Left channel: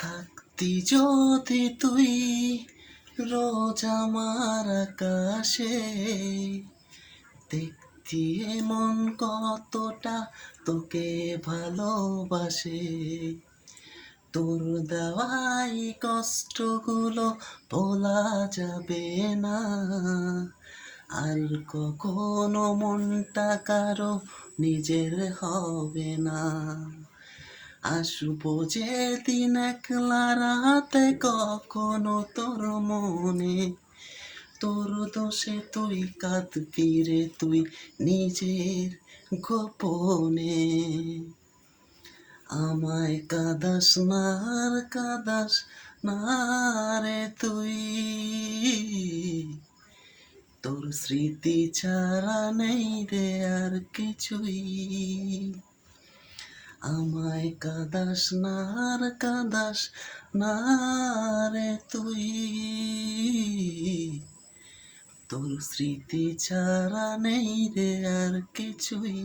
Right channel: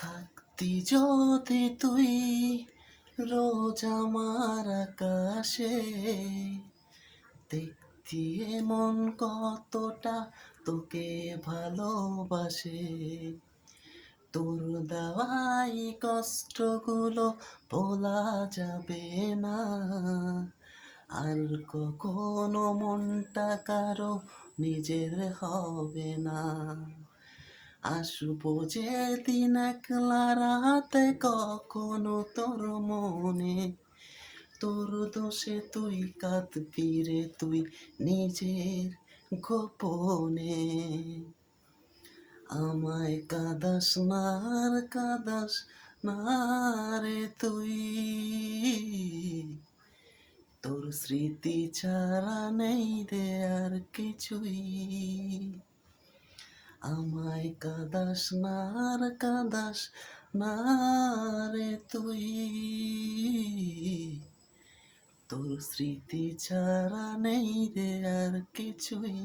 থাকতি যদি তুই রোজ আমার আকাশে, দেখতি মন কতটা তোকে ভালোবাসে। তোর দেওয়াই কষ্টগুলো ভোলা যাবে না, আর কখনো মনটা কারো নিজের হবে না। আসবো যেদিন একলা রাতে কখনো তোর মনে, তোর দোষে তুই কাঁদবি রে তুই নিজের গোপনে। আমায় কাঁদাস না আর কাঁদাস না রে তুই, তোর স্মৃতি ছাড়া নেই রে আর কিছুই। আমায় কাঁদাস না আর কাঁদাস না রে তুই, তোর স্মৃতি ছাড়া নেই রে আর কিছুই।